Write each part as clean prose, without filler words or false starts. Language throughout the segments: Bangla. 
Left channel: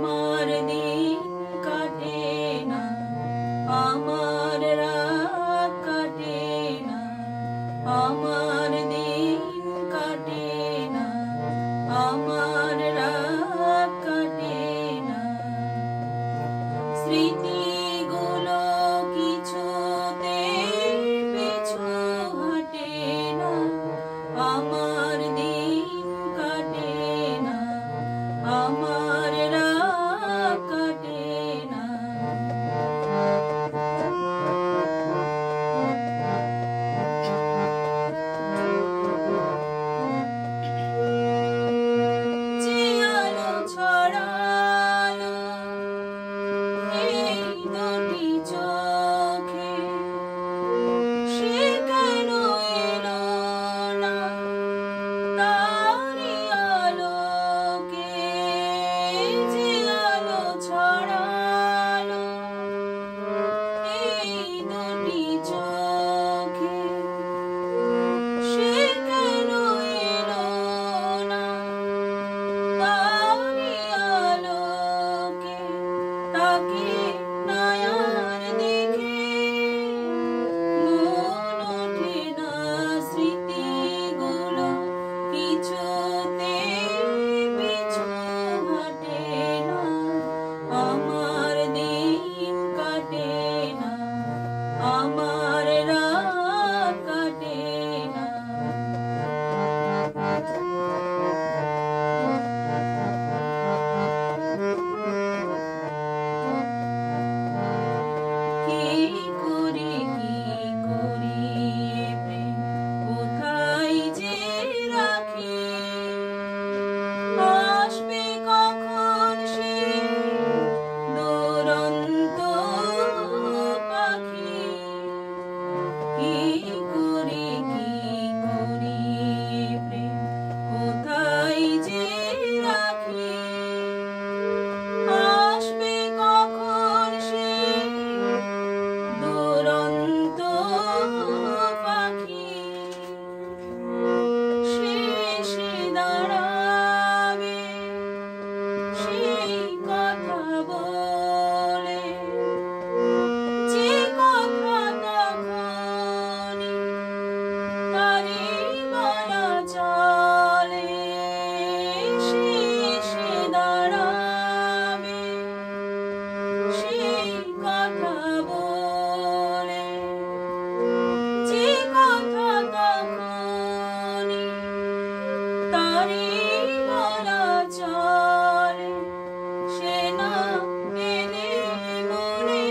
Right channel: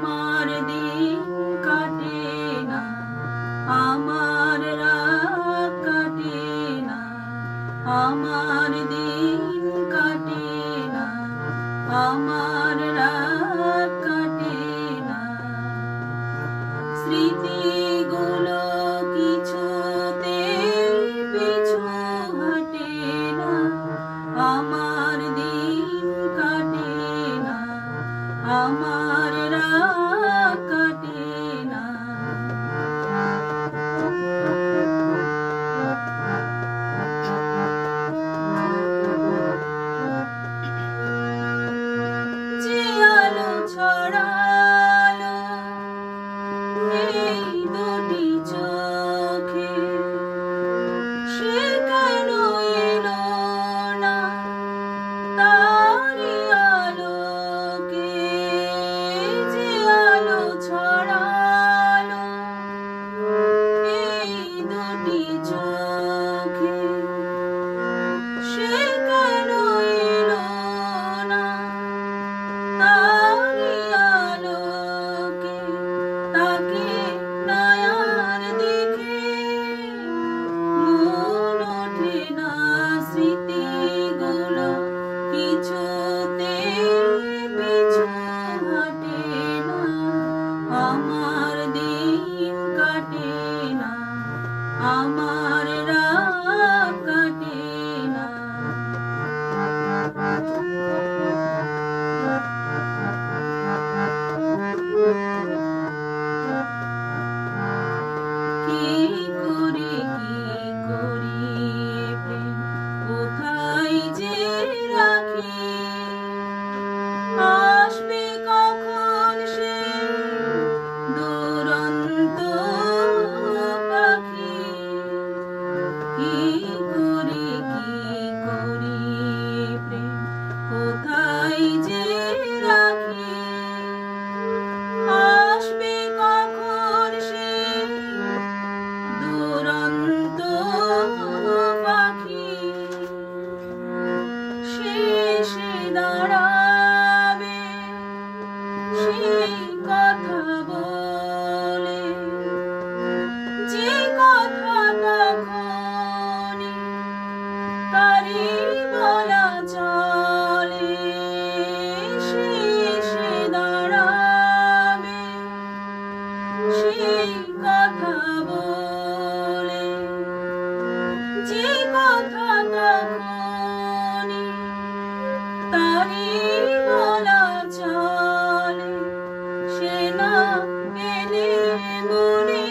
আমার দিন কাটে না, আমার রাত কাটে না, আমার দিন কাটে না, আমার রাত কাটে না। স্মৃতিগুলো কিছুতে পিছু হাঁটে না, আমার দিন কাটে না, আমার রাত কাটে না। যে আলো ছড়ালো এই দুটি চোখে, সে কেন এলো না তারি আলোকে? যে আলো ছড়ালো এই দুটি চোখে, সে কেন এলো না তারি আলোকে? তাকে নয়ার দেখে মন ওঠে না, স্মৃতিগুলো কিছুতে পিছু হাঁটে না, আমার দিন কাটে না, আমার রাত কাটে না। কি করি প্রেম কোথায় যে রাখি, আসবে কখন সে দুরন্ত পাখি? কি করি প্রেম কোথায় যে রাখি, আসবে কখন সে দুরন্ত পাখি? শেষে দাঁড়াবে সেই কথা বলে, যে কথা তখনই তারি বলা চলে। শেষে দাঁড়াবে সেই কথা বলে, যে কথা তখনই তারি বলা চলে। সে না এলে মনে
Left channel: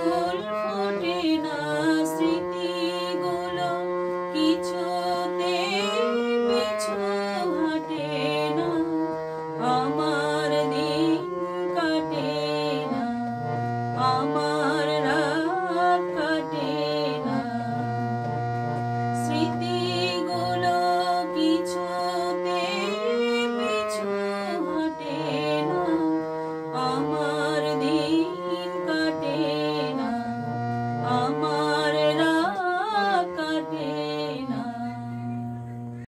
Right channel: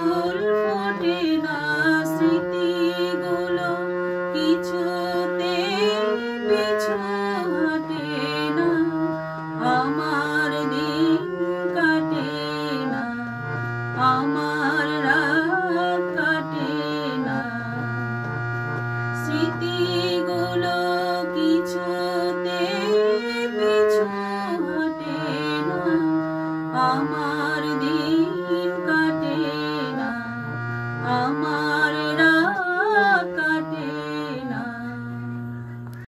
ফুল ফোটে না, স্মৃতিগুলো কিছুতে পিছু হাঁটে না, আমার দিন কাটে না, আমার রাত কাটে না। স্মৃতিগুলো কিছুতে পিছু হাঁটে না, আমার